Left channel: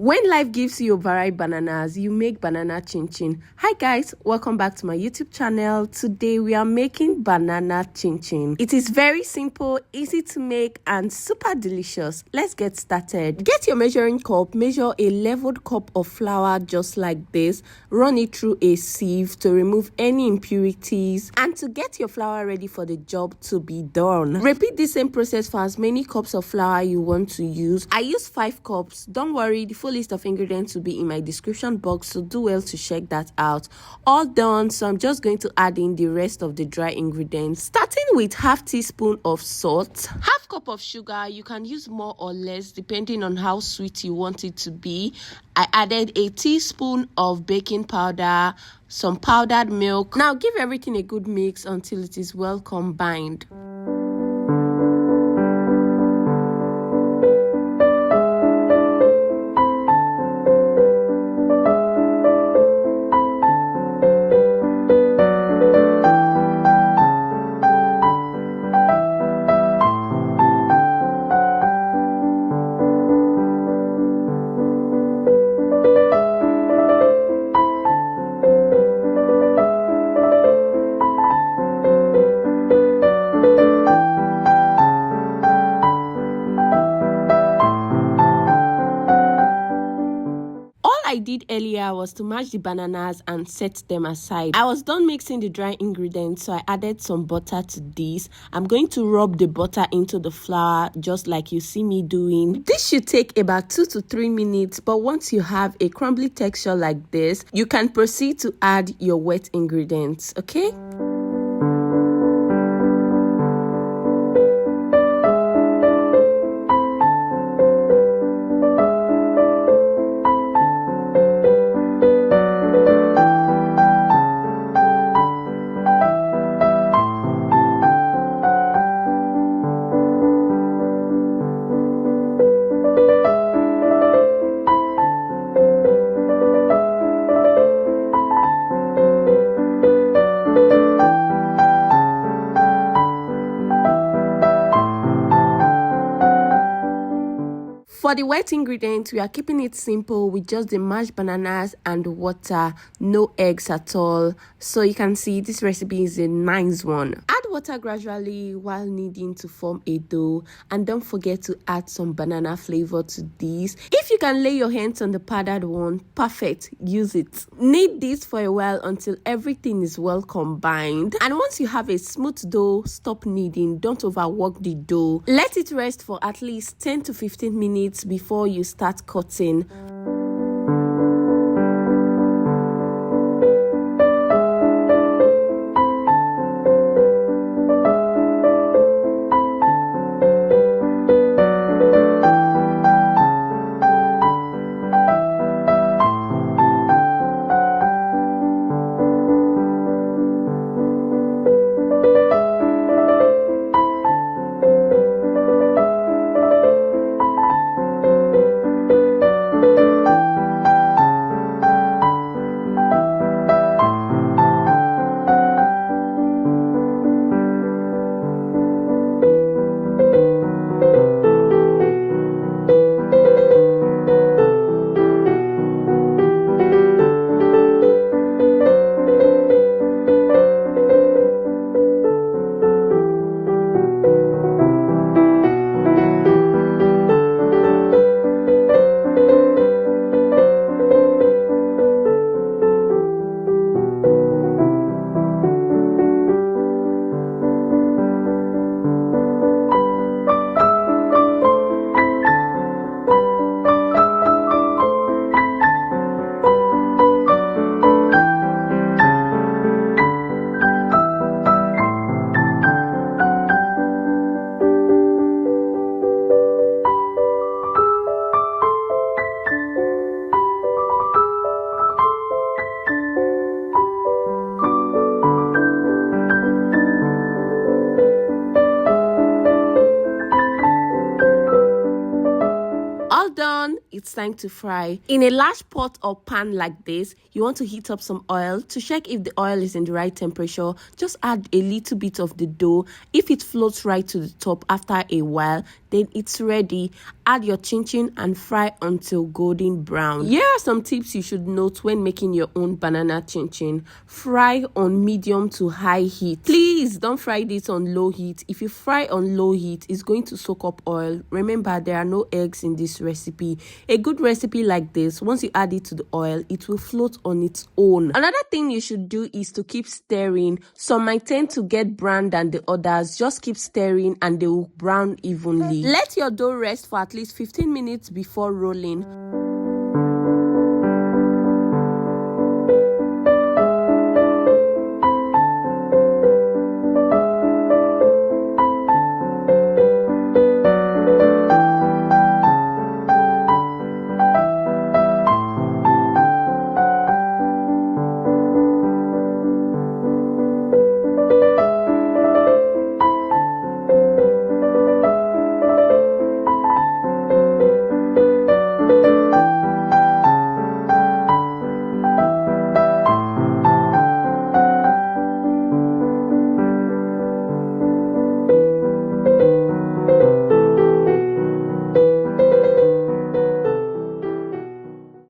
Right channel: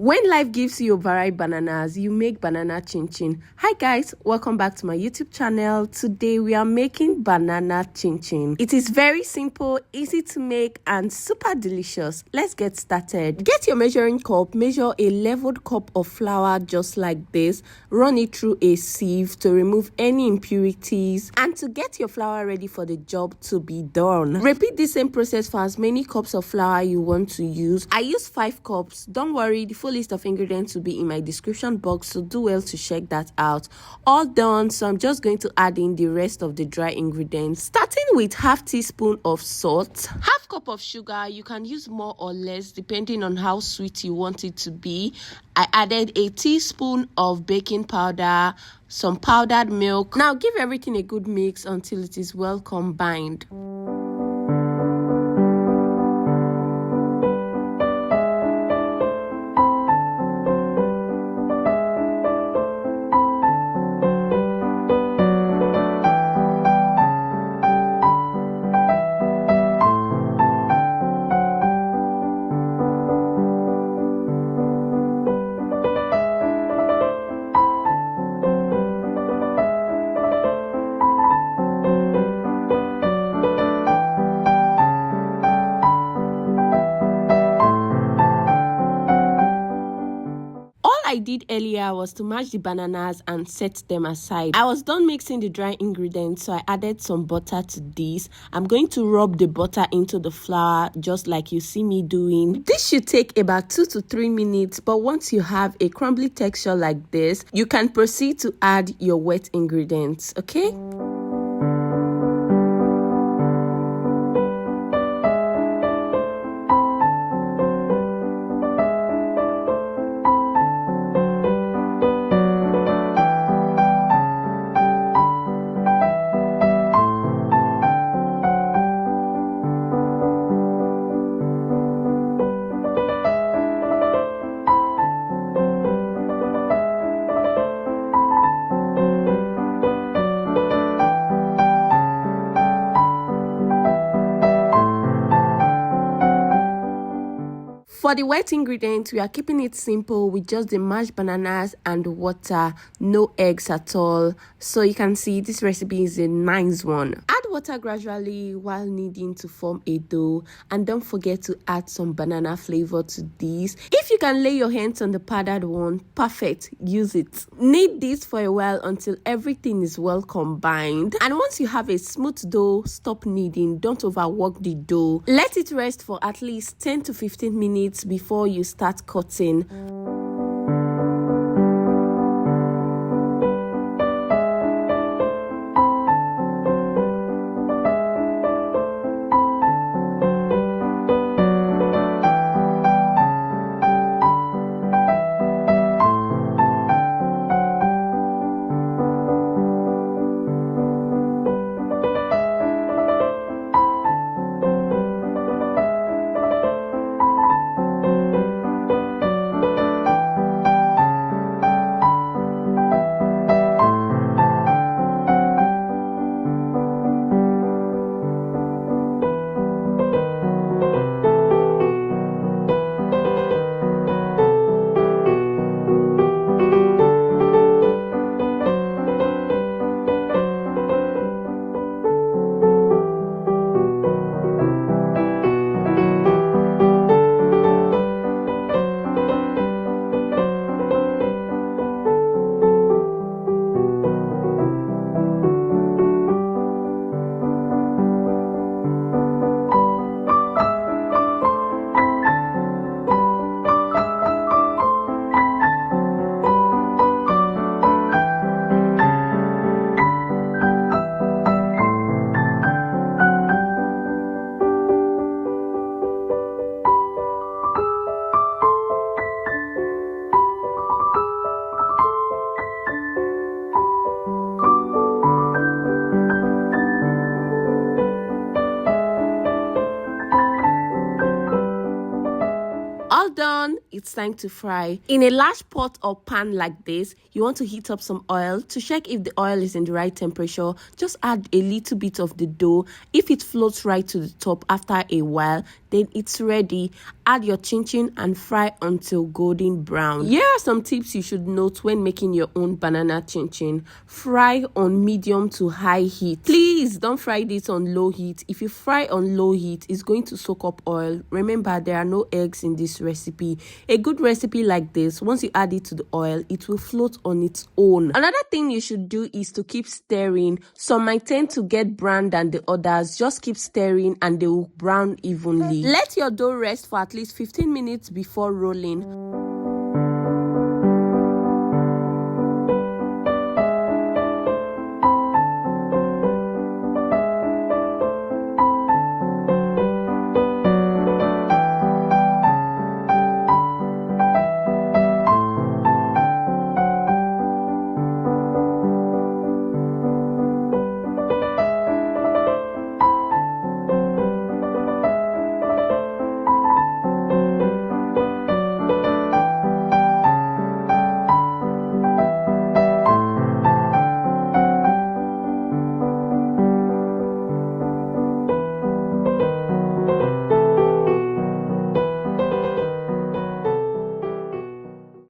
When life gives you varied bananas, you make banana chinchin. Hi guys, welcome back to my YouTube channel. Today we are making banana chinchin. It is very simple, easy to make and super delicious. Let's get started. Get your measuring cup, measure a leveled cup of flour just like this. Run it through a sieve to remove any impurities and to get your flour ready for the job to be done. Repeat the same process for as many cups of flour you want to use. I use 5 cups. Don't worry, the full list of ingredients will be in my description box, so do well to check that out. All done, so I'm just going to add in the rest of the dry ingredients, starting with half teaspoon of salt, half cup of sugar. You can use more or less depending on how sweet you want it to be. I added a teaspoon of baking powder, some powdered milk. Now give everything a good mix until it is well combined. I did earlier was to mash the bananas and set them aside. I was done mixing the dry ingredients, so I added some butter to this. I'm going to rub the butter into the flour just like you see me doing. This should take about 2 to 3 minutes, but once you have a crumbly texture like this, you can proceed to add your wet ingredients, okay? For the wet ingredients, we are keeping it simple with just the mashed bananas and water, no eggs at all. So you can see this recipe is a nice one. Add water gradually while kneading to form a dough, and don't forget to add some banana flavor to this. If you can lay your hands on the powdered one, perfect, use it. Knead this for a while until everything is well combined, and once you have a smooth dough, stop kneading. Don't overwork the dough. Let it rest for at least 10 to 15 minutes before you start cutting. All done, it's time to fry. In a large pot or pan like this, you want to heat up some oil. To check if the oil is in the right temperature, just add a little bit of the dough. If it floats right to the top after a while, then it's ready. Add your chinchin and fry until golden brown. Here are some tips you should note when making your own banana chinchin. Fry on medium to high heat. Please don't fry this on low heat. If you fry on low heat, it's going to soak up oil. Remember, there are no eggs in this recipe. A good recipe like this, once you add it to the oil, it will float on its own. Another thing you should do is to keep stirring. Some might tend to get brown than the others. Just keep stirring and they will brown evenly. Let your dough rest for at least 15 minutes before rolling.